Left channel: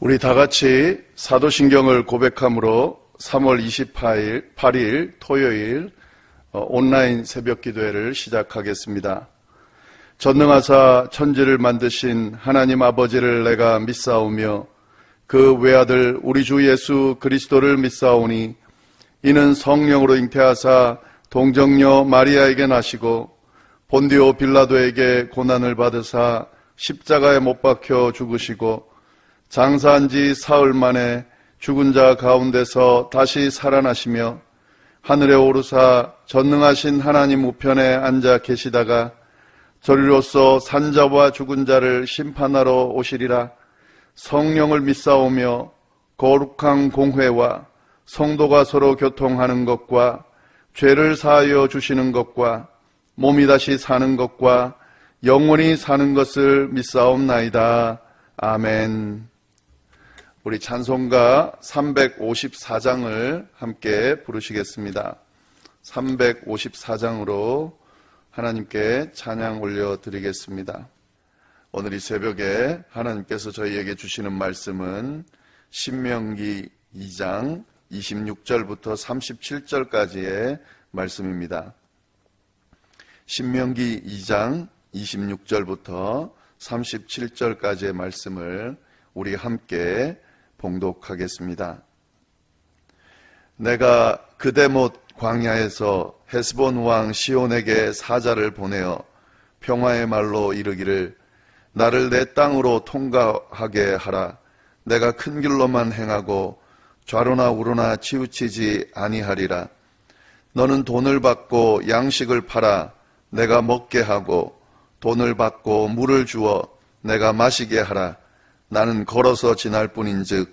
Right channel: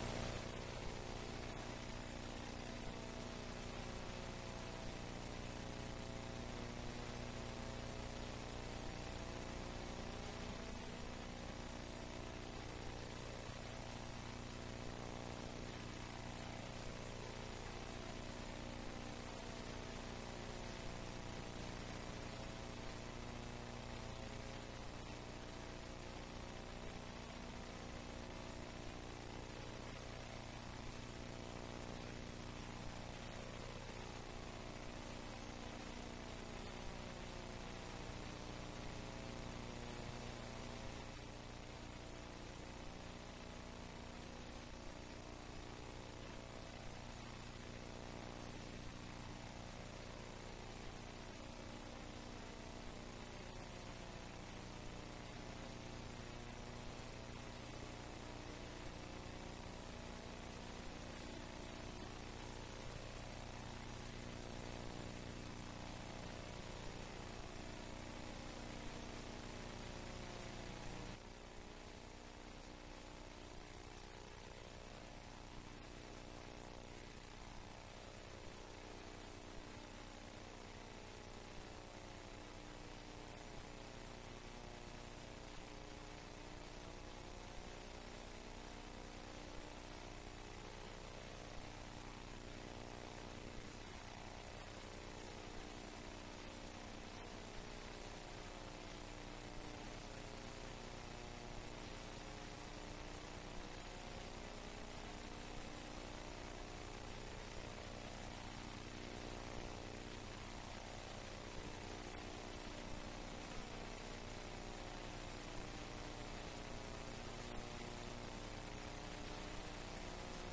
우리 다 같이 사도신경을 고백함으로 3월 28일 토요일 온라인 새벽 기도회를 시작하겠습니다. 전능하사 천지를 만드신 하나님 아버지를 내가 믿사오며 그 외아들 우리 주 예수 그리스도를 믿사오니 이는 성령으로 잉태하사 동정녀 마리아에게 나시고 본디오 빌라도에게 고난을 받으사 십자가에 못 박혀 죽으시고 장사한 지 사흘 만에 죽은 자 가운데서 다시 살아나시며 하늘에 오르사 전능하신 하나님 우편에 앉아 계시다가 저리로서 산자와 죽은 자를 심판하러 오시리라. 성령을 믿사오며 거룩한 공회와 성도가 서로 교통하는 것과 죄를 사하여 주시는 것과 몸이 다시 사는 것과 영원히 사는 것을 믿사옵나이다. 아멘. 우리 찬송가 354장을 함께 부르시겠습니다. 354장으로 하나님께 찬양 올려드리겠습니다. 오늘 이 새벽에 하나님께서 저희에게 주시는 말씀은 신명기 2장 26절부터 37절까지의 말씀입니다. 신명기 2장 26절부터 37절까지의 말씀을 우리 함께 봉독하겠습니다. 내가 그대못 광야에서 헤스본 왕 시온에게 사자를 보내어 평화의 말로 이르기를 나를 내 땅으로 통과하게 하라. 내가 큰 길로만 행하고 좌로나 우로나 치우치지 아니하리라. 너는 돈을 받고 양식을 팔아 내가 먹게 하고 돈을 받고 물을 주어 내가 마시게 하라. 나는 걸어서 지날 뿐인즉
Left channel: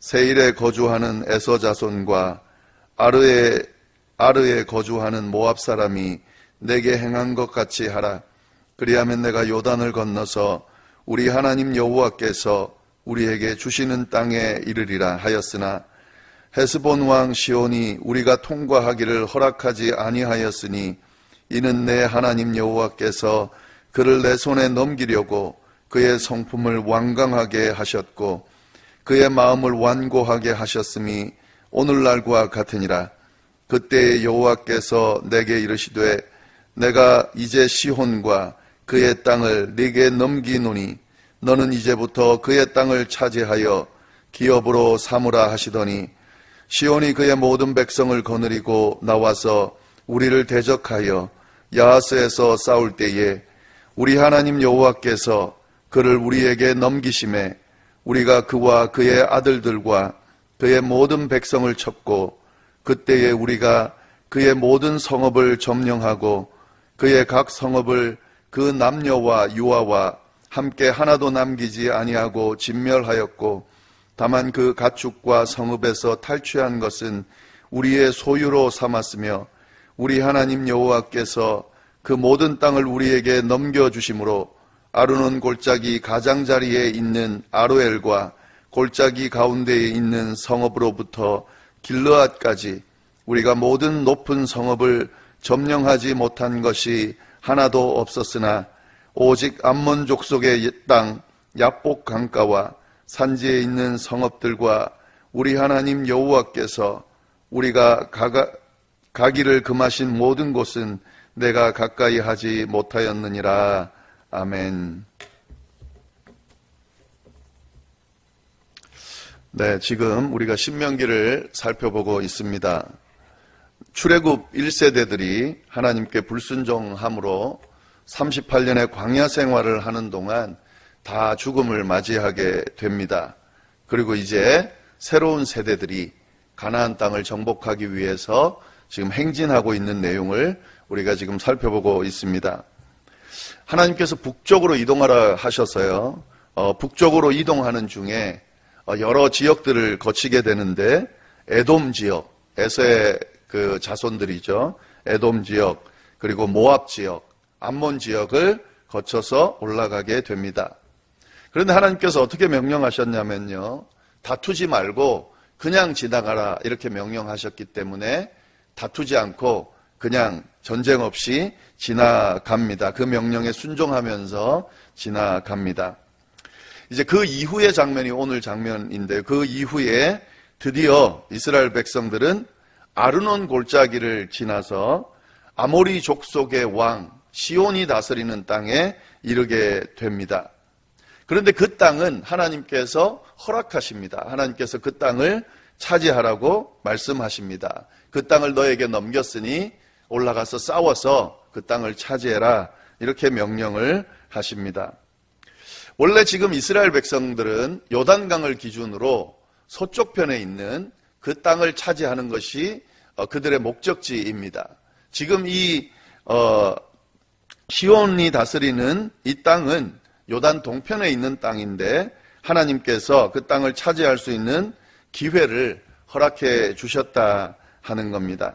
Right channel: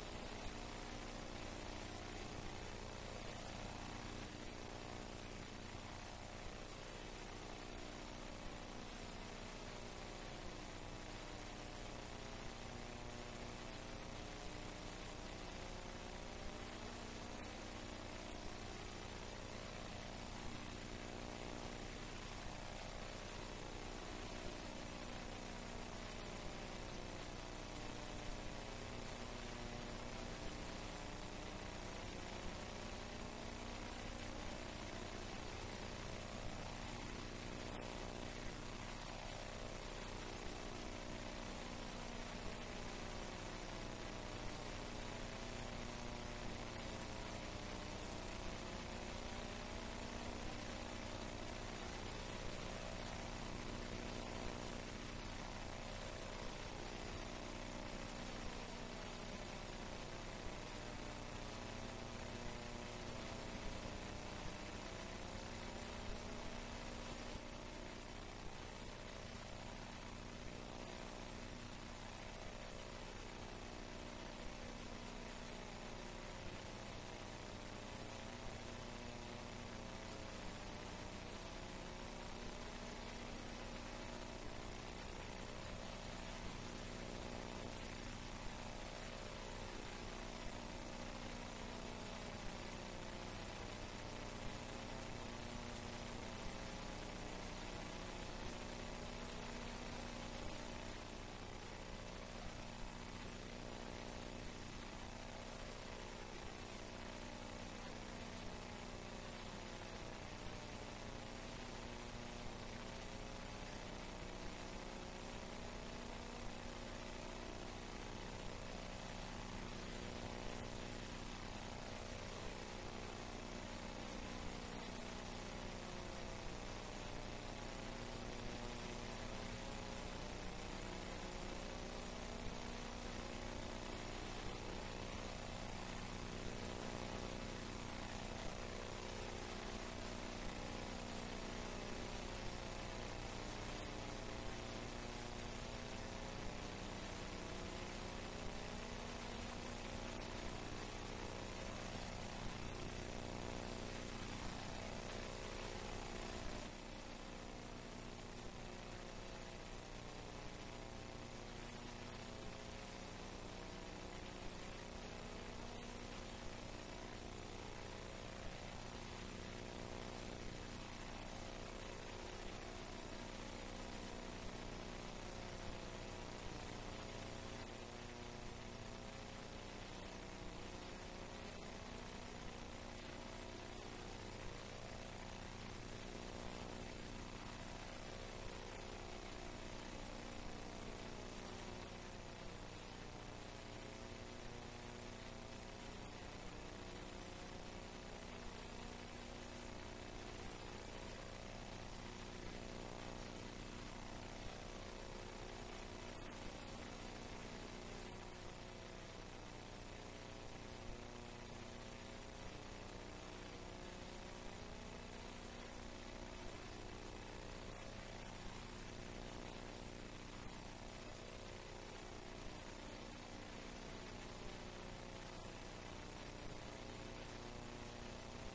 세일에 거주하는 에서 자손과 아르에 거주하는 모압 사람이 내게 행한 것 같이 하라. 그리하면 내가 요단을 건너서 우리 하나님 여호와께서 우리에게 주시는 땅에 이르리라 하였으나 헤스본 왕 시온이 우리가 통과하기를 허락하지 아니하였으니 이는 내 하나님 여호와께서 그를 내 손에 넘기려고 그의 성품을 완강하게 하셨고 그의 마음을 완고하게 하셨음이 오늘날과 같으니라. 그때 여호와께서 내게 이르시되 내가 이제 시혼과 그의 땅을 네게 넘기노니 너는 이제부터 그의 땅을 차지하여 기업으로 삼으라 하시더니 시온이 그의 모든 백성을 거느리고 나와서 우리를 대적하여 야하스에서 싸울 때에 우리 하나님 여호와께서 그를 우리에게 넘기심에 우리가 그와 그의 아들들과 그의 모든 백성을 쳤고 그때에 우리가 그의 모든 성읍을 점령하고 그의 각 성읍을 그 남녀와 유아와 함께 하나도 남기지 아니하고 진멸하였고 다만 그 가축과 성읍에서 탈취한 것은 우리의 소유로 삼았으며 우리 하나님 여호와께서 그 모든 땅을 우리에게 넘겨주심으로 아르논 골짜기 가장자리에 있는 아로엘과 골짜기 가운데에 있는 성읍으로부터 길르앗까지 우리가 모든 높은 성읍을 점령하지 못한 것이 하나도 없었으나 오직 암몬 족속의 땅 야복 강가와 산지에 있는 성읍들과 우리 하나님 여호와께서 우리가 가기를 금하신 모든 곳은 내가 가까이 하지 못하였느니라. 아멘. 네, 지금 우리가 신명기를 살펴보고 있습니다. 출애굽 1세대들이 하나님께 불순종함으로 38년의 광야 생활을 하는 동안 다 죽음을 맞이하게 됩니다. 그리고 이제 새로운 세대들이 가나안 땅을 정복하기 위해서 지금 행진하고 있는 내용을 우리가 지금 살펴보고 있습니다. 하나님께서 북쪽으로 이동하라 하셔서요. 북쪽으로 이동하는 중에 여러 지역들을 거치게 되는데 에돔 지역, 에서의 그 자손들이죠. 에돔 지역, 그리고 모압 지역, 암몬 지역을 거쳐서 올라가게 됩니다. 그런데 하나님께서 어떻게 명령하셨냐면요. 다투지 말고 그냥 지나가라 이렇게 명령하셨기 때문에 다투지 않고 그냥 전쟁 없이 지나갑니다. 그 명령에 순종하면서 지나갑니다. 이제 그 이후의 장면이 오늘 장면인데요. 그 이후에 드디어 이스라엘 백성들은 아르논 골짜기를 지나서 아모리 족속의 왕 시온이 다스리는 땅에 이르게 됩니다. 그런데 그 땅은 하나님께서 허락하십니다. 하나님께서 그 땅을 차지하라고 말씀하십니다. 그 땅을 너에게 넘겼으니 올라가서 싸워서 그 땅을 차지해라, 이렇게 명령을 하십니다. 원래 지금 이스라엘 백성들은 요단강을 기준으로 서쪽 편에 있는 그 땅을 차지하는 것이 그들의 목적지입니다. 지금 이 시온이 다스리는 이 땅은 요단 동편에 있는 땅인데 하나님께서 그 땅을 차지할 수 있는 기회를 허락해 주셨다 하는 겁니다.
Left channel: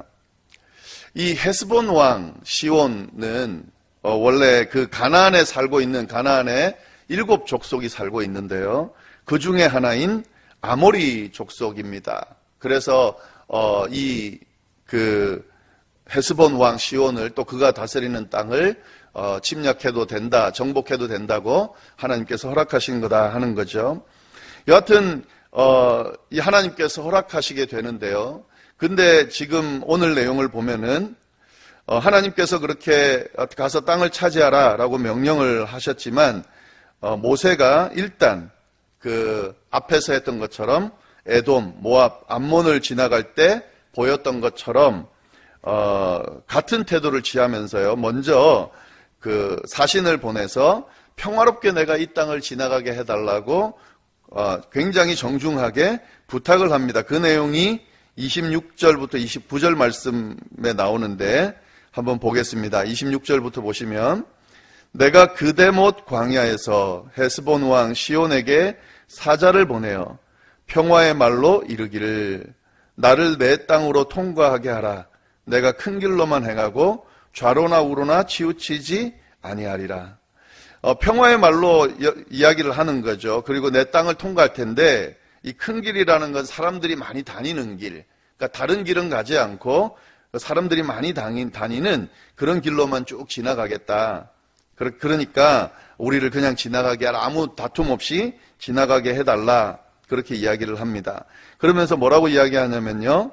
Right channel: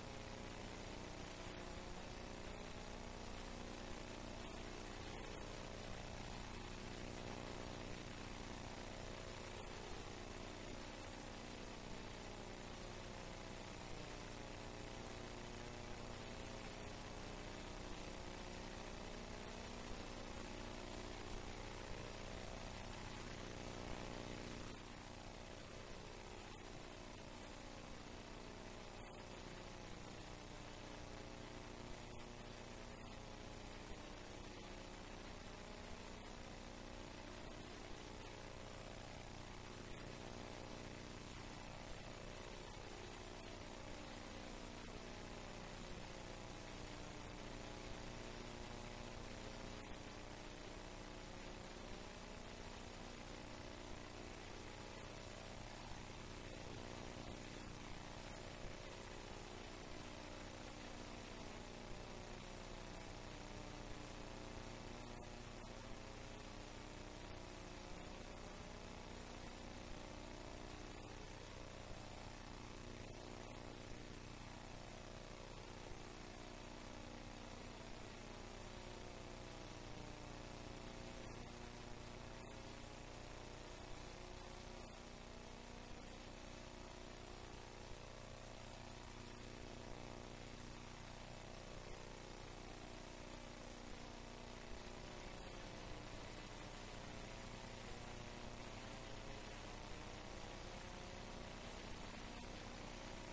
이 헤스본 왕 시온은 원래 그 가나안에 살고 있는 가나안에 7족속이 살고 있는데요. 그 중에 하나인 아모리 족속입니다. 그래서 이 그 헤스본 왕 시온을 또 그가 다스리는 땅을 침략해도 된다, 정복해도 된다고 하나님께서 허락하신 거다 하는 거죠. 여하튼 이 하나님께서 허락하시게 되는데요. 근데 지금 오늘 내용을 보면은 하나님께서 그렇게 가서 땅을 차지하라 라고 명령을 하셨지만 모세가 일단 그 앞에서 했던 것처럼 에돔, 모압, 암몬을 지나갈 때 보였던 것처럼 같은 태도를 취하면서요. 먼저 그 사신을 보내서 평화롭게 내가 이 땅을 지나가게 해달라고 굉장히 정중하게 부탁을 합니다. 그 내용이 26절부터 29절 말씀에 나오는데 한번 보겠습니다. 26절부터 보시면 내가 그대못 광야에서 헤스본 왕 시온에게 사자를 보내어 평화의 말로 이르기를 나를 내 땅으로 통과하게 하라. 내가 큰 길로만 행하고 좌로나 우로나 치우치지 아니하리라. 평화의 말로 이야기를 하는 거죠. 그리고 내 땅을 통과할 텐데 이 큰 길이라는 건 사람들이 많이 다니는 길, 그러니까 다른 길은 가지 않고 사람들이 많이 다니는 그런 길로만 쭉 지나가겠다. 그러니까 우리를 그냥 지나가게 하라. 아무 다툼 없이 지나가게 해달라. 그렇게 이야기를 합니다. 그러면서 뭐라고 이야기하냐면요.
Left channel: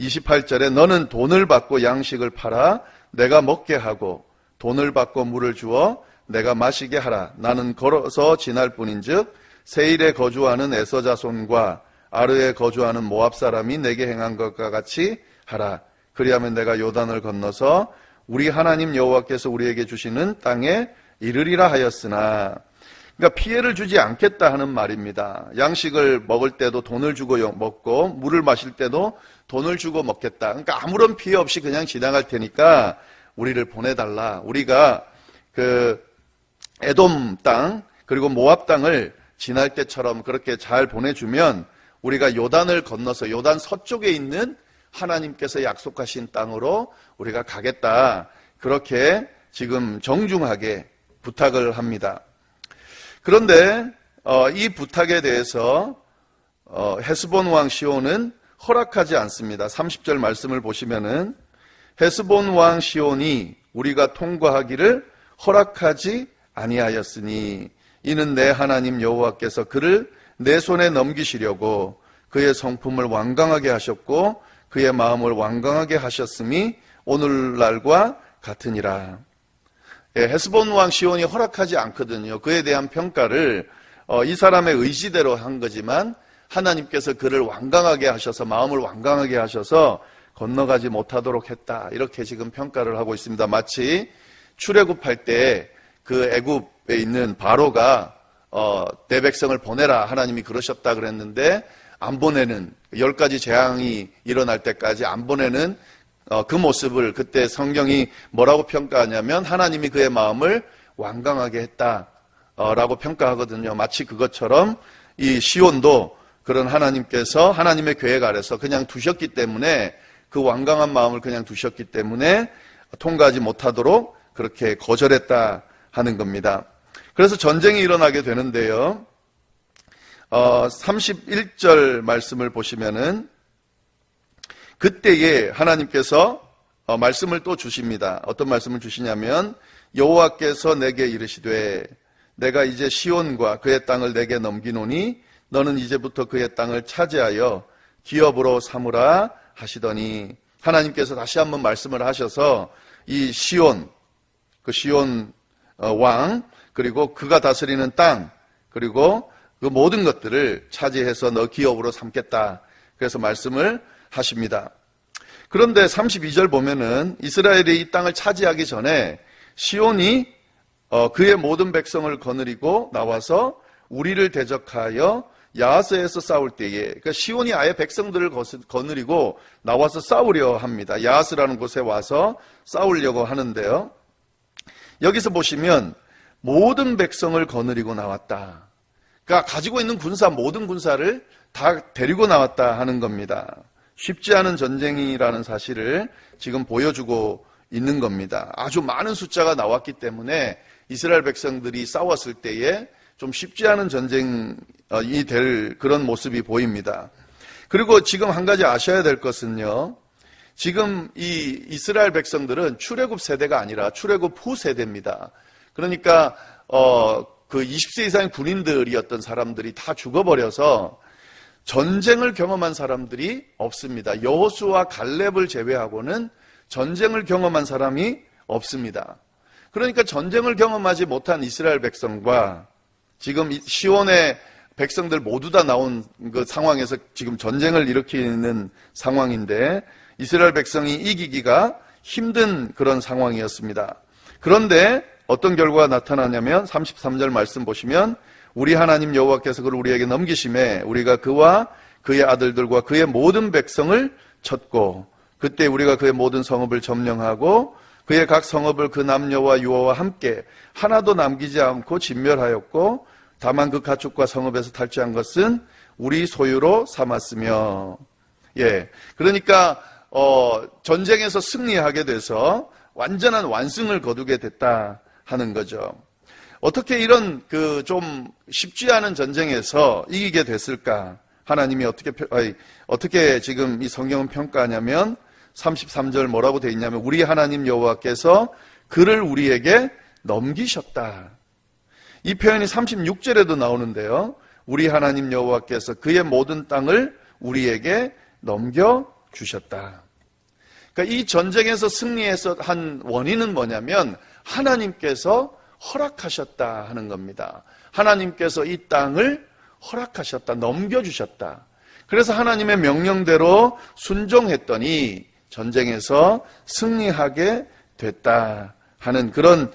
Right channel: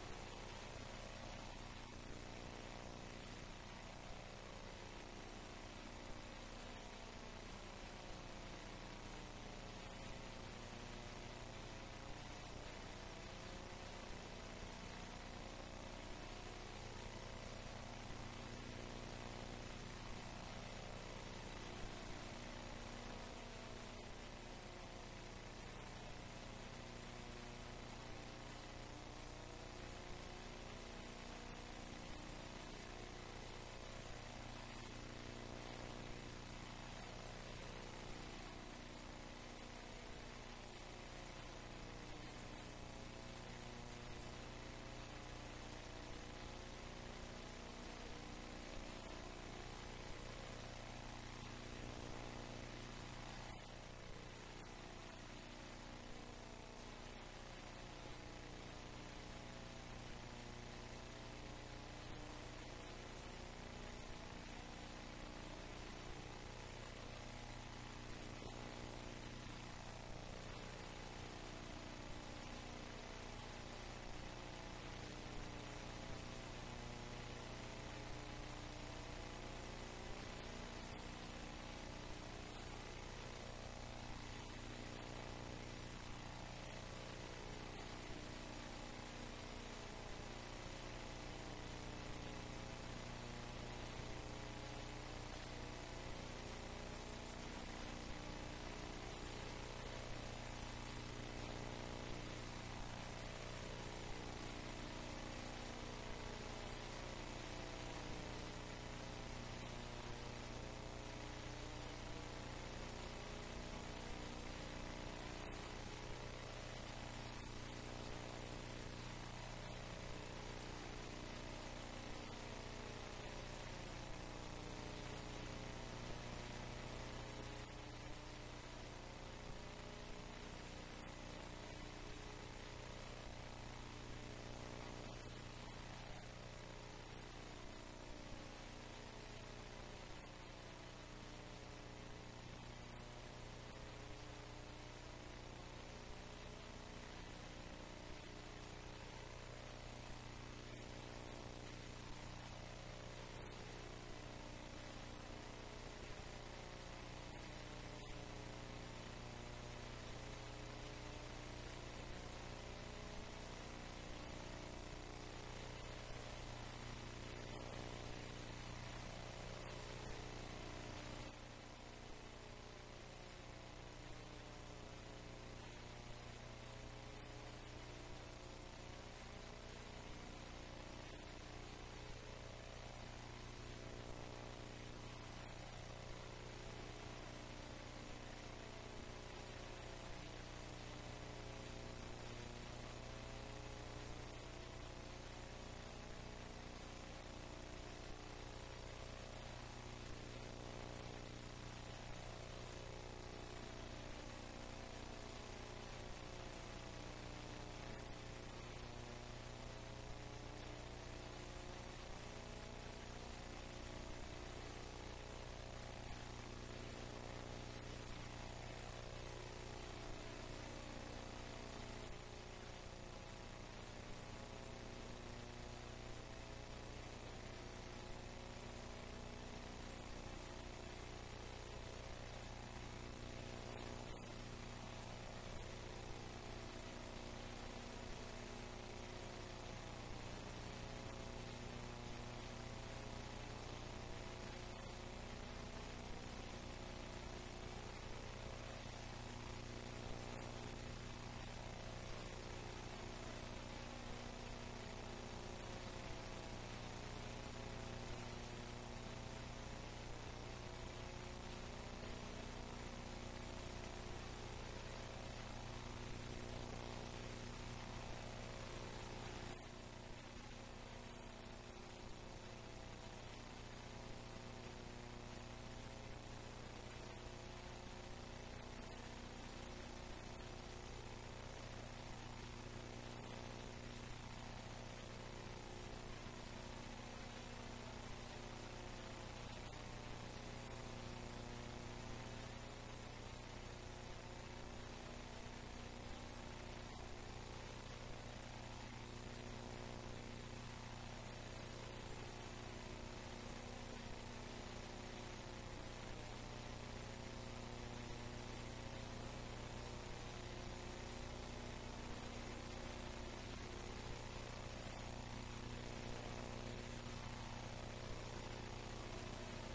28절에 너는 돈을 받고 양식을 팔아 내가 먹게 하고 돈을 받고 물을 주어 내가 마시게 하라. 나는 걸어서 지날 뿐인즉 세일에 거주하는 에서 자손과 아르에 거주하는 모압 사람이 내게 행한 것과 같이 하라. 그리하면 내가 요단을 건너서 우리 하나님 여호와께서 우리에게 주시는 땅에 이르리라 하였으나, 그러니까 피해를 주지 않겠다 하는 말입니다. 양식을 먹을 때도 돈을 주고 먹고 물을 마실 때도 돈을 주고 먹겠다. 그러니까 아무런 피해 없이 그냥 지나갈 테니까 우리를 보내달라. 우리가 그 에돔 땅 그리고 모압 땅을 지날 때처럼 그렇게 잘 보내주면 우리가 요단을 건너서 요단 서쪽에 있는 하나님께서 약속하신 땅으로 우리가 가겠다. 그렇게 지금 정중하게 부탁을 합니다. 그런데 이 부탁에 대해서 헤스본 왕 시온은 허락하지 않습니다. 30절 말씀을 보시면은 헤스본 왕 시온이 우리가 통과하기를 허락하지 아니하였으니 이는 내 하나님 여호와께서 그를 내 손에 넘기시려고 그의 성품을 완강하게 하셨고 그의 마음을 완강하게 하셨음이 오늘날과 같으니라. 헤스본 왕 시온이 허락하지 않거든요. 그에 대한 평가를 이 사람의 의지대로 한 거지만 하나님께서 그를 완강하게 하셔서 마음을 완강하게 하셔서 건너가지 못하도록 했다. 이렇게 지금 평가를 하고 있습니다. 마치 출애굽할 때 그 애굽에 있는 바로가 내 백성을 보내라 하나님이 그러셨다 그랬는데 안 보내는 10가지 재앙이 일어날 때까지 안 보내는 그 모습을 그때 성경이 뭐라고 평가하냐면 하나님이 그의 마음을 완강하게 했다라고 평가하거든요. 마치 그것처럼 이 시온도 그런 하나님께서 하나님의 계획 아래서 그냥 두셨기 때문에 그 완강한 마음을 그냥 두셨기 때문에 통과하지 못하도록 그렇게 거절했다 하는 겁니다. 그래서 전쟁이 일어나게 되는데요. 31절 말씀을 보시면은 그때에 하나님께서 말씀을 또 주십니다. 어떤 말씀을 주시냐면 여호와께서 내게 이르시되 내가 이제 시온과 그의 땅을 내게 넘기노니 너는 이제부터 그의 땅을 차지하여 기업으로 삼으라 하시더니, 하나님께서 다시 한번 말씀을 하셔서 이 시온, 그 시온 왕, 그리고 그가 다스리는 땅, 그리고 그 모든 것들을 차지해서 너 기업으로 삼겠다, 그래서 말씀을 하십니다. 그런데 32절 보면은 이스라엘이 이 땅을 차지하기 전에 시온이 그의 모든 백성을 거느리고 나와서 우리를 대적하여 야하스에서 싸울 때에, 그러니까 시온이 아예 백성들을 거느리고 나와서 싸우려 합니다. 야하스라는 곳에 와서 싸우려고 하는데요. 여기서 보시면 모든 백성을 거느리고 나왔다. 그러니까 가지고 있는 군사, 모든 군사를 다 데리고 나왔다 하는 겁니다. 쉽지 않은 전쟁이라는 사실을 지금 보여주고 있는 겁니다. 아주 많은 숫자가 나왔기 때문에 이스라엘 백성들이 싸웠을 때에 좀 쉽지 않은 전쟁이 될 그런 모습이 보입니다. 그리고 지금 한 가지 아셔야 될 것은요, 지금 이 이스라엘 백성들은 출애굽 세대가 아니라 출애굽 후 세대입니다. 그러니까 그 20세 이상의 군인들이었던 사람들이 다 죽어버려서 전쟁을 경험한 사람들이 없습니다. 여호수아 갈렙을 제외하고는 전쟁을 경험한 사람이 없습니다. 그러니까 전쟁을 경험하지 못한 이스라엘 백성과 지금 시온의 백성들 모두 다 나온 그 상황에서 지금 전쟁을 일으키는 상황인데 이스라엘 백성이 이기기가 힘든 그런 상황이었습니다. 그런데 어떤 결과가 나타나냐면 33절 말씀 보시면 우리 하나님 여호와께서 그를 우리에게 넘기심에 우리가 그와 그의 아들들과 그의 모든 백성을 쳤고 그때 우리가 그의 모든 성읍을 점령하고 그의 각 성읍을 그 남녀와 유아와 함께 하나도 남기지 않고 진멸하였고 다만 그 가축과 성읍에서 탈취한 것은 우리 소유로 삼았으며, 그러니까 전쟁에서 승리하게 돼서 완전한 완승을 거두게 됐다 하는 거죠. 어떻게 이런 그 좀 쉽지 않은 전쟁에서 이기게 됐을까? 하나님이 어떻게 지금 이 성경은 평가하냐면 33절 뭐라고 되어 있냐면 우리 하나님 여호와께서 그를 우리에게 넘기셨다. 이 표현이 36절에도 나오는데요. 우리 하나님 여호와께서 그의 모든 땅을 우리에게 넘겨주셨다. 그러니까 이 전쟁에서 승리해서 한 원인은 뭐냐면 하나님께서 허락하셨다 하는 겁니다. 하나님께서 이 땅을 허락하셨다, 넘겨주셨다. 그래서 하나님의 명령대로 순종했더니 전쟁에서 승리하게 됐다 하는 그런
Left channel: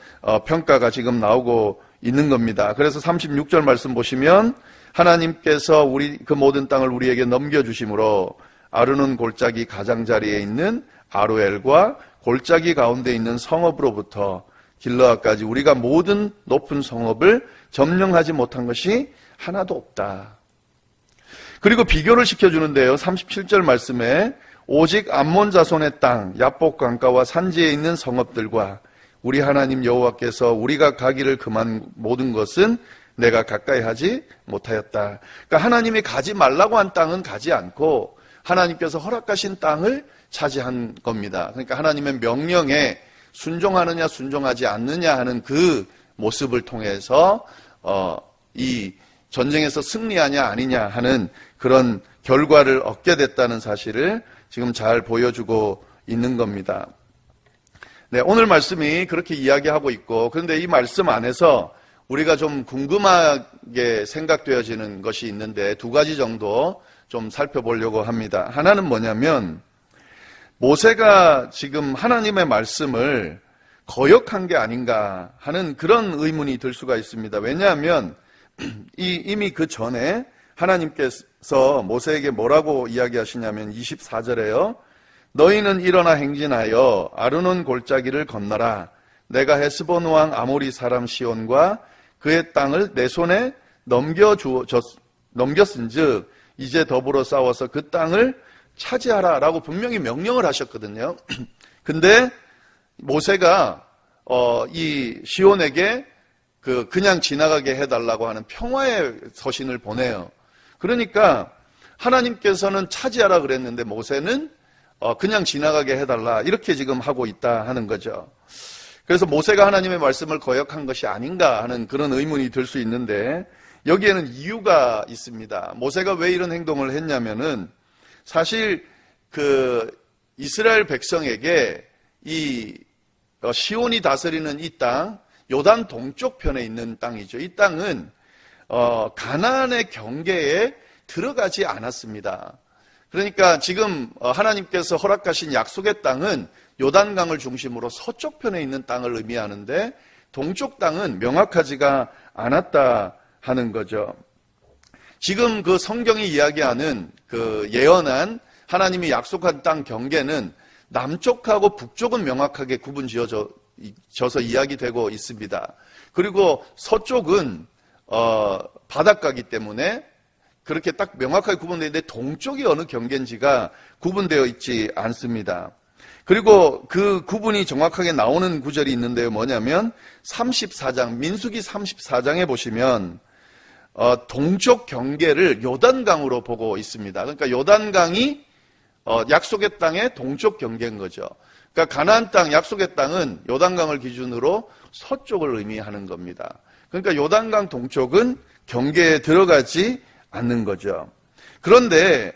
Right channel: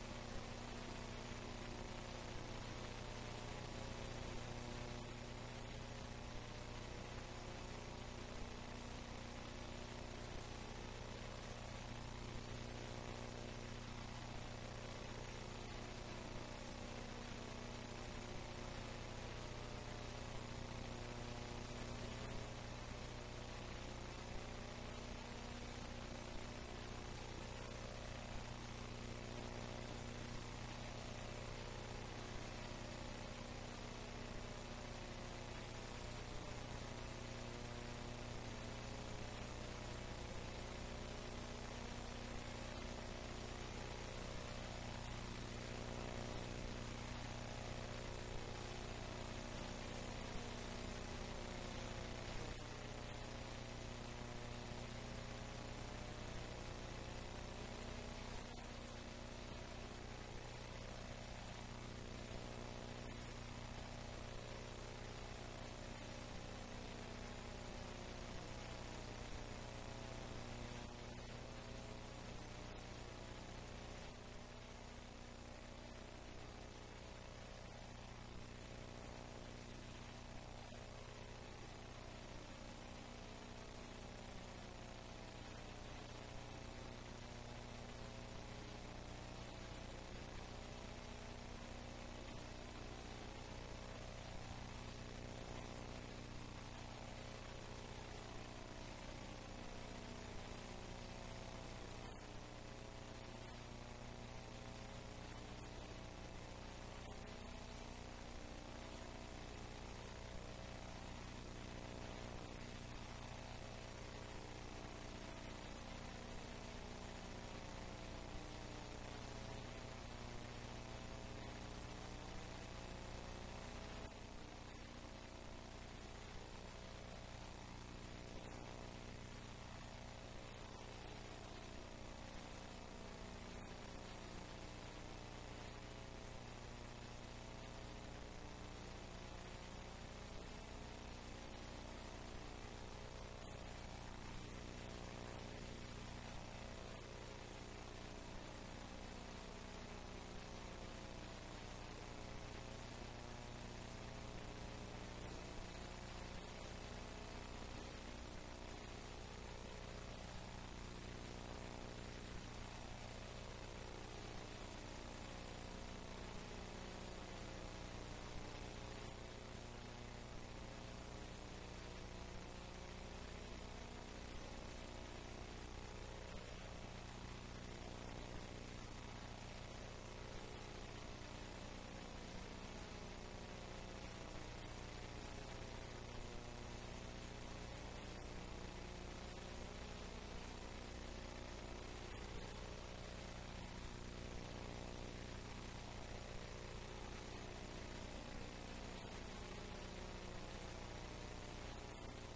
평가가 지금 나오고 있는 겁니다. 그래서 36절 말씀 보시면 하나님께서 그 모든 땅을 우리에게 넘겨주심으로 아르논 골짜기 가장자리에 있는 아로엘과 골짜기 가운데 있는 성읍으로부터 길르앗까지 우리가 모든 높은 성읍을 점령하지 못한 것이 하나도 없다. 그리고 비교를 시켜주는데요. 37절 말씀에 오직 암몬 자손의 땅 야복 강가와 산지에 있는 성읍들과 우리 하나님 여호와께서 우리가 가기를 금한 모든 것은 내가 가까이 하지 못하였다. 그러니까 하나님이 가지 말라고 한 땅은 가지 않고 하나님께서 허락하신 땅을 차지한 겁니다. 그러니까 하나님의 명령에 순종하느냐 순종하지 않느냐 하는 그 모습을 통해서 이 전쟁에서 승리하냐 아니냐 하는 그런 결과를 얻게 됐다는 사실을 지금 잘 보여주고 있는 겁니다. 네, 오늘 말씀이 그렇게 이야기하고 있고, 그런데 이 말씀 안에서 우리가 좀 궁금하게 생각되어지는 것이 있는데 두 가지 정도 좀 살펴보려고 합니다. 하나는 뭐냐면 모세가 지금 하나님의 말씀을 거역한 게 아닌가 하는 그런 의문이 들 수가 있습니다. 왜냐하면 이미 그 전에 하나님께서 모세에게 뭐라고 이야기하시냐면 24절에요. 너희는 일어나 행진하여 아르논 골짜기를 건너라. 내가 헤스본 왕 아모리 사람 시온과 그의 땅을 내 손에 넘겼은즉 이제 더불어 싸워서 그 땅을 차지하라 라고 분명히 명령을 하셨거든요. 근데 모세가 이 시온에게 그냥 지나가게 해달라고 하는 평화의 서신을 보내요. 그러니까 하나님께서는 차지하라 그랬는데 모세는 그냥 지나가게 해달라 이렇게 지금 하고 있다 하는 거죠. 그래서 모세가 하나님의 말씀을 거역한 것이 아닌가 하는 그런 의문이 들 수 있는데, 여기에는 이유가 있습니다. 모세가 왜 이런 행동을 했냐면은, 사실 그 이스라엘 백성에게 이 시온이 다스리는 이 땅, 요단 동쪽 편에 있는 땅이죠. 이 땅은 가나안의 경계에 들어가지 않았습니다. 그러니까 지금 하나님께서 허락하신 약속의 땅은 요단강을 중심으로 서쪽 편에 있는 땅을 의미하는데, 동쪽 땅은 명확하지가 않았다 하는 거죠. 지금 그 성경이 이야기하는 그 예언한 하나님이 약속한 땅 경계는 남쪽하고 북쪽은 명확하게 구분 지어져서 이야기되고 있습니다. 그리고 서쪽은 바닷가이기 때문에 그렇게 딱 명확하게 구분되어 있는데, 동쪽이 어느 경계인지가 구분되어 있지 않습니다. 그리고 그 구분이 정확하게 나오는 구절이 있는데요. 뭐냐면 34장, 민수기 34장에 보시면 동쪽 경계를 요단강으로 보고 있습니다. 그러니까 요단강이 약속의 땅의 동쪽 경계인 거죠. 그러니까 가나안 땅, 약속의 땅은 요단강을 기준으로 서쪽을 의미하는 겁니다. 그러니까 요단강 동쪽은 경계에 들어가지 않는 거죠. 그런데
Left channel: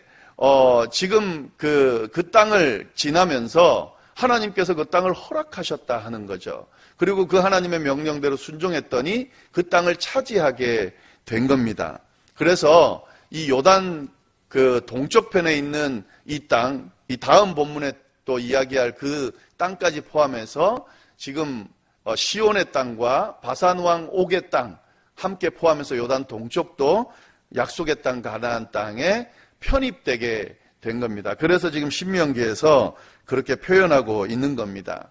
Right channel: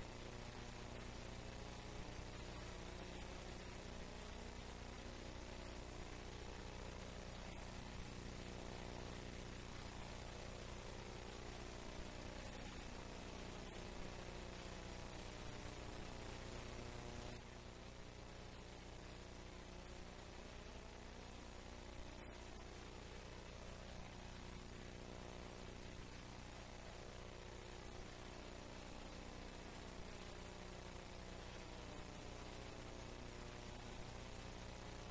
지금 그 땅을 지나면서 하나님께서 그 땅을 허락하셨다 하는 거죠. 그리고 그 하나님의 명령대로 순종했더니 그 땅을 차지하게 된 겁니다. 그래서 이 요단 그 동쪽 편에 있는 이 땅, 이 다음 본문에 또 이야기할 그 땅까지 포함해서 지금 시온의 땅과 바산 왕 옥의 땅 함께 포함해서 요단 동쪽도 약속의 땅 가나안 땅에 편입되게 된 겁니다. 그래서 지금 신명기에서 그렇게 표현하고 있는 겁니다.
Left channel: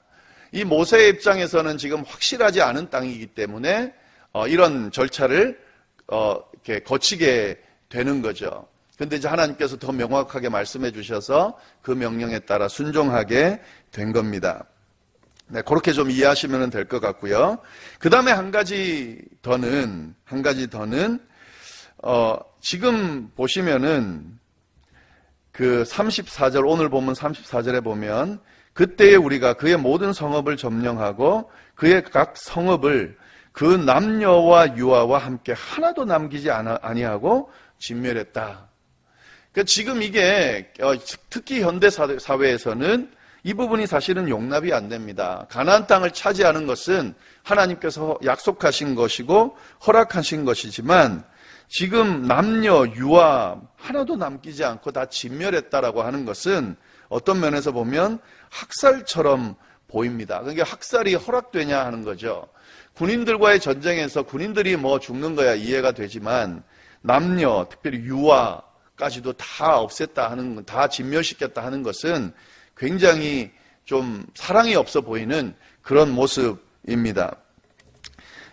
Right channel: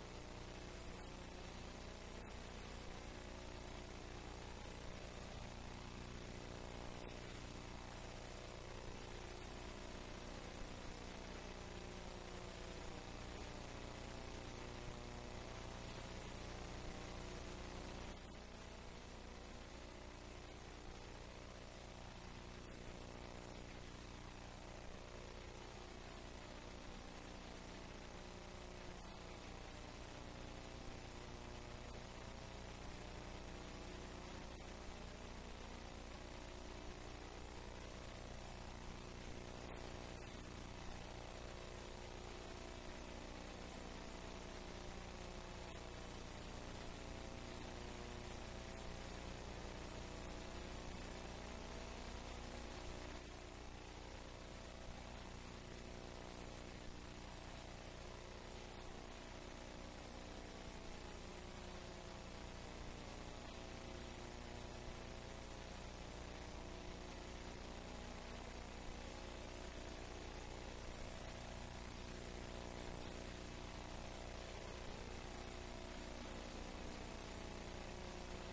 이 모세의 입장에서는 지금 확실하지 않은 땅이기 때문에 이런 절차를 이렇게 거치게 되는 거죠. 그런데 이제 하나님께서 더 명확하게 말씀해 주셔서 그 명령에 따라 순종하게 된 겁니다. 네, 그렇게 좀 이해하시면 될 것 같고요. 그 다음에 한 가지 더는 지금 보시면은 그 34절, 오늘 보면 34절에 보면, 그때에 우리가 그의 모든 성읍을 점령하고 그의 각 성읍을 그 남녀와 유아와 함께 하나도 남기지 아니하고 진멸했다. 그러니까 지금 이게 특히 현대 사회에서는 이 부분이 사실은 용납이 안 됩니다. 가나안 땅을 차지하는 것은 하나님께서 약속하신 것이고 허락하신 것이지만, 지금 남녀 유아 하나도 남기지 않고 다 진멸했다라고 하는 것은 어떤 면에서 보면 학살처럼 보입니다. 그러니까 학살이 허락되냐 하는 거죠. 군인들과의 전쟁에서 군인들이 뭐 죽는 거야 이해가 되지만, 남녀 특별히 유아까지도 다 없앴다 하는, 다 진멸시켰다 하는 것은 굉장히 좀 사랑이 없어 보이는 그런 모습입니다.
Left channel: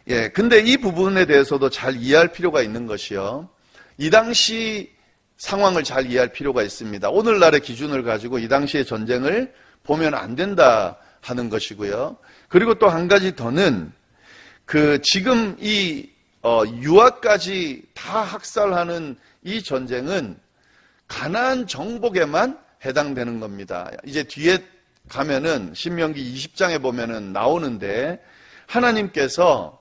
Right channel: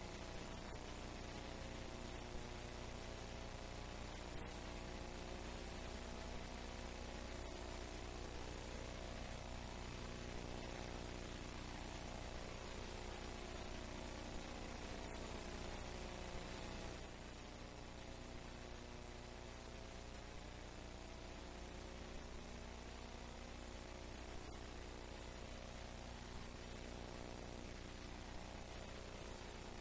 예, 근데 이 부분에 대해서도 잘 이해할 필요가 있는 것이요, 이 당시 상황을 잘 이해할 필요가 있습니다. 오늘날의 기준을 가지고 이 당시의 전쟁을 보면 안 된다 하는 것이고요. 그리고 또 한 가지 더는 지금 이 유아까지 다 학살하는 이 전쟁은 가나안 정복에만 해당되는 겁니다. 이제 뒤에 가면은 신명기 20장에 보면은 나오는데, 하나님께서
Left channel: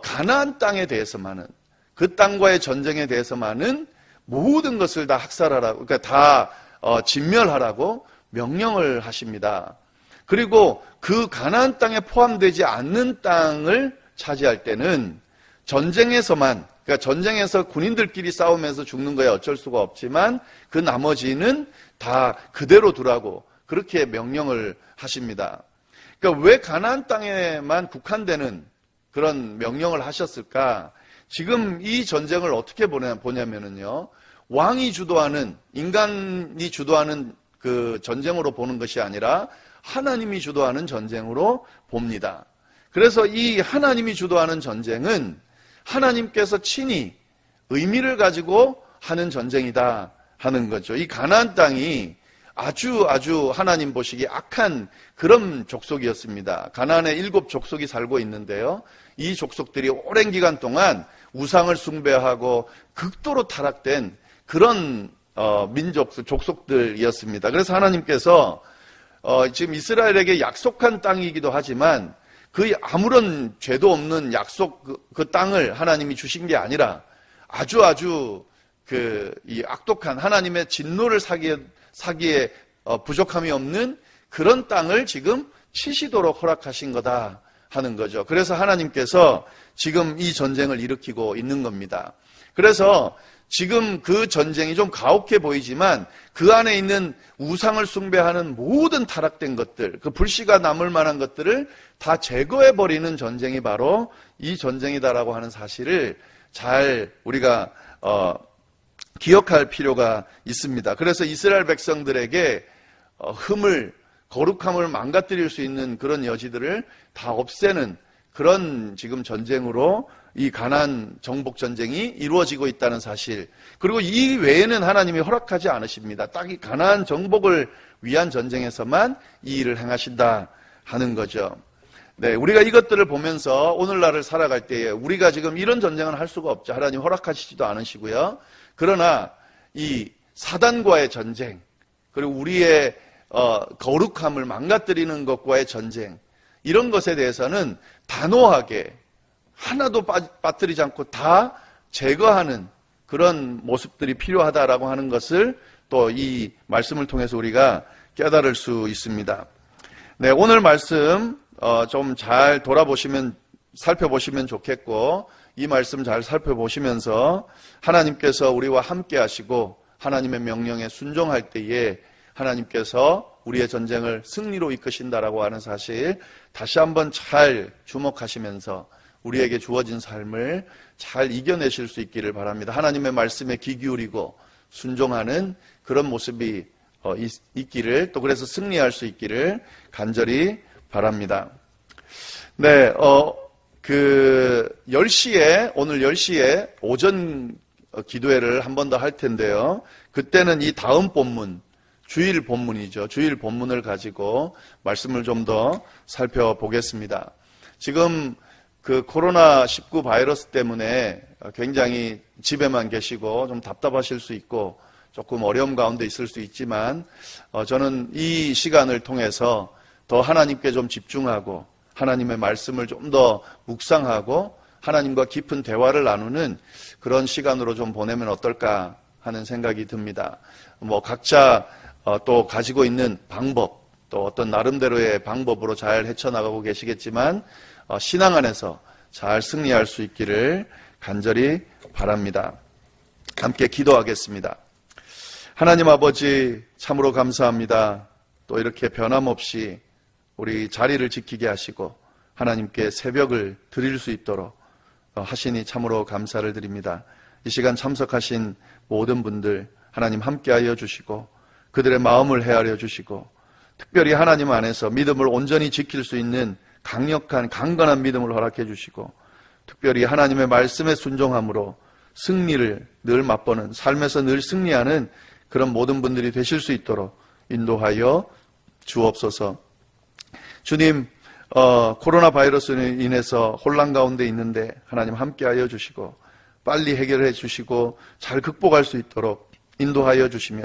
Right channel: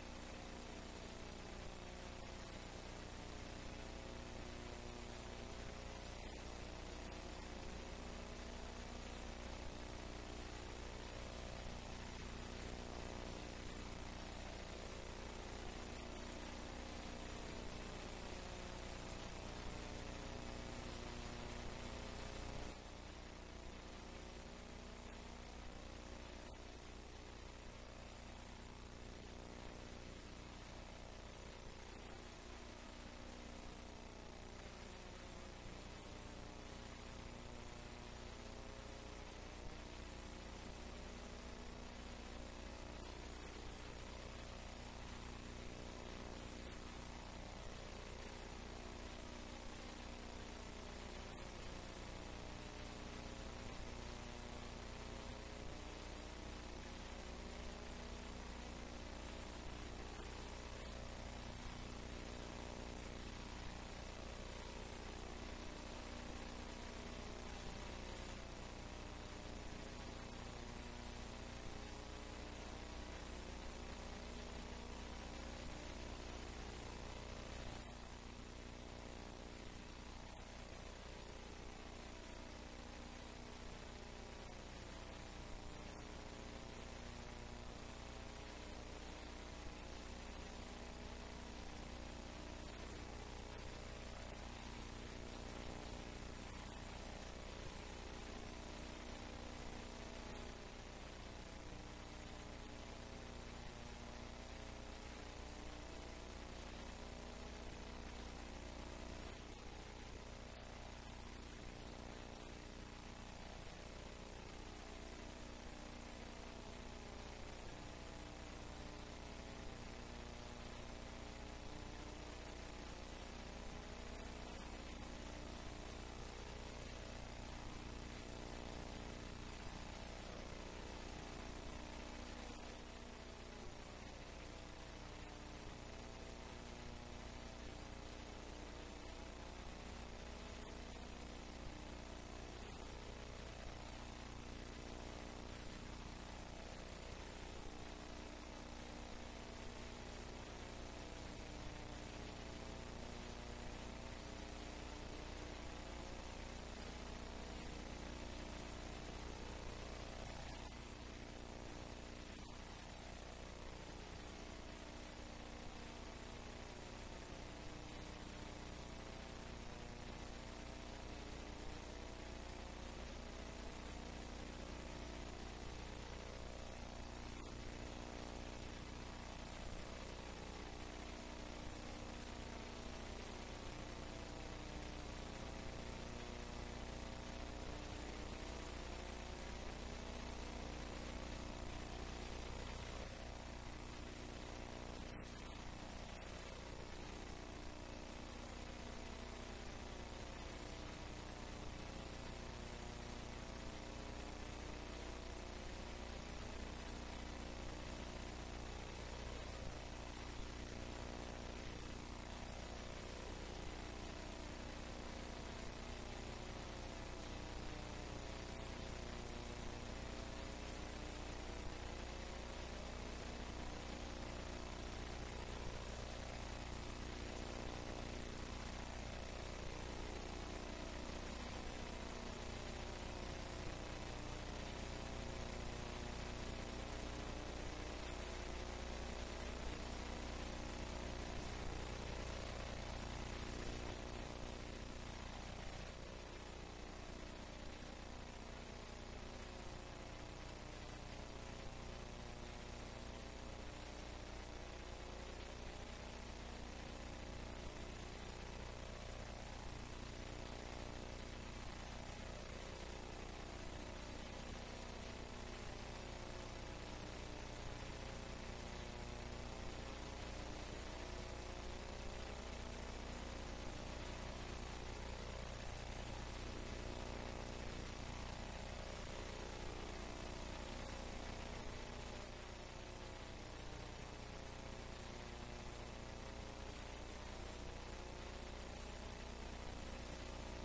가나안 땅에 대해서만은, 그 땅과의 전쟁에 대해서만은 모든 것을 다 학살하라고, 그러니까 다 진멸하라고 명령을 하십니다. 그리고 그 가나안 땅에 포함되지 않는 땅을 차지할 때는 전쟁에서만, 그러니까 전쟁에서 군인들끼리 싸우면서 죽는 거야 어쩔 수가 없지만, 그 나머지는 다 그대로 두라고 그렇게 명령을 하십니다. 그러니까 왜 가나안 땅에만 국한되는 그런 명령을 하셨을까? 지금 이 전쟁을 어떻게 보냐면은요, 왕이 주도하는, 인간이 주도하는 그 전쟁으로 보는 것이 아니라 하나님이 주도하는 전쟁으로 봅니다. 그래서 이 하나님이 주도하는 전쟁은 하나님께서 친히 의미를 가지고 하는 전쟁이다 하는 거죠. 이 가나안 땅이 아주 하나님 보시기에 악한 그런 족속이었습니다. 가나안에 7 족속이 살고 있는데요, 이 족속들이 오랜 기간 동안 우상을 숭배하고 극도로 타락된 그런 족속들이었습니다. 그래서 하나님께서 지금 이스라엘에게 약속한 땅이기도 하지만 그 아무런 죄도 없는 약속 그 땅을 하나님이 주신 게 아니라 아주 이 악독한 하나님의 진노를 사기에 부족함이 없는 그런 땅을 지금 치시도록 허락하신 거다 하는 거죠. 그래서 하나님께서 지금 이 전쟁을 일으키고 있는 겁니다. 그래서 지금 그 전쟁이 좀 가혹해 보이지만 그 안에 있는 우상을 숭배하는 모든 타락된 것들, 그 불씨가 남을 만한 것들을 다 제거해버리는 전쟁이 바로 이 전쟁이다라고 하는 사실을 잘 우리가 기억할 필요가 있습니다. 그래서 이스라엘 백성들에게 거룩함을 망가뜨릴 수 있는 그런 여지들을 다 없애는 그런 지금 전쟁으로 이 가나안 정복 전쟁이 이루어지고 있다는 사실, 그리고 이 외에는 하나님이 허락하지 않으십니다. 딱 이 가나안 정복을 위한 전쟁에서만 이 일을 행하신다 하는 거죠. 네, 우리가 이것들을 보면서 오늘날을 살아갈 때에 우리가 지금 이런 전쟁은 할 수가 없죠. 하나님 허락하시지도 않으시고요. 그러나 이 사단과의 전쟁, 그리고 우리의 거룩함을 망가뜨리는 것과의 전쟁, 이런 것에 대해서는 단호하게 하나도 빠뜨리지 않고 다 제거하는 그런 모습들이 필요하다라고 하는 것을 또 이 말씀을 통해서 우리가 깨달을 수 있습니다. 네, 오늘 말씀 좀 잘 살펴보시면 좋겠고, 이 말씀 잘 살펴보시면서 하나님께서 우리와 함께 하시고 하나님의 명령에 순종할 때에 하나님께서 우리의 전쟁을 승리로 이끄신다라고 하는 사실 다시 한번 잘 주목하시면서 우리에게 주어진 삶을 잘 이겨내실 수 있기를 바랍니다. 하나님의 말씀에 귀 기울이고 순종하는 그런 모습이 있기를, 또 그래서 승리할 수 있기를 간절히 바랍니다. 네, 오늘 10시에 오전 기도회를 한 번 더 할 텐데요. 그때는 이 다음 본문, 주일 본문이죠. 주일 본문을 가지고 말씀을 좀 더 살펴보겠습니다. 지금 그 코로나19 바이러스 때문에 굉장히 집에만 계시고 좀 답답하실 수 있고 조금 어려움 가운데 있을 수 있지만 저는 이 시간을 통해서 더 하나님께 좀 집중하고 하나님의 말씀을 좀 더 묵상하고 하나님과 깊은 대화를 나누는 그런 시간으로 좀 보내면 어떨까 하는 생각이 듭니다. 각자 또 가지고 있는 방법, 또 어떤 나름대로의 방법으로 잘 헤쳐나가고 계시겠지만 신앙 안에서 잘 승리할 수 있기를 간절히 바랍니다. 함께 기도하겠습니다. 하나님 아버지, 참으로 감사합니다. 또 이렇게 변함없이 우리 자리를 지키게 하시고 하나님께 새벽을 드릴 수 있도록 하시니 참으로 감사를 드립니다. 이 시간 참석하신 모든 분들 하나님 함께하여 주시고 그들의 마음을 헤아려 주시고 특별히 하나님 안에서 믿음을 온전히 지킬 수 있는 강력한 강건한 믿음을 허락해 주시고 특별히 하나님의 말씀에 순종함으로 승리를 늘 맛보는, 삶에서 늘 승리하는 그런 모든 분들이 되실 수 있도록 인도하여 주옵소서. 주님, 코로나 바이러스로 인해서 혼란 가운데 있는데 하나님 함께하여 주시고 빨리 해결해 주시고 잘 극복할 수 있도록 인도하여 주시며,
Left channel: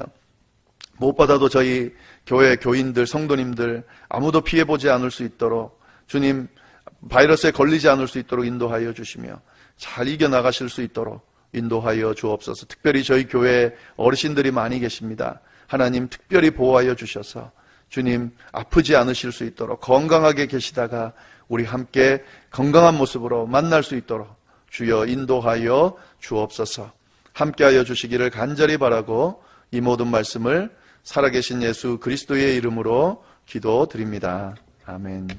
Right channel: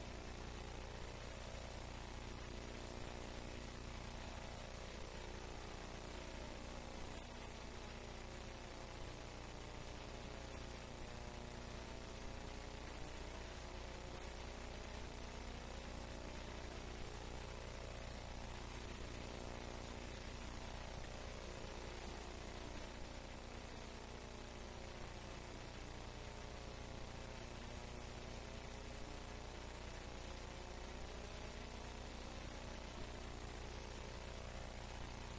무엇보다도 저희 교회 교인들, 성도님들 아무도 피해보지 않을 수 있도록 주님 바이러스에 걸리지 않을 수 있도록 인도하여 주시며 잘 이겨나가실 수 있도록 인도하여 주옵소서. 특별히 저희 교회에 어르신들이 많이 계십니다. 하나님 특별히 보호하여 주셔서 주님 아프지 않으실 수 있도록 건강하게 계시다가 우리 함께 건강한 모습으로 만날 수 있도록 주여 인도하여 주옵소서. 함께하여 주시기를 간절히 바라고 이 모든 말씀을 살아계신 예수 그리스도의 이름으로 기도드립니다. 아멘.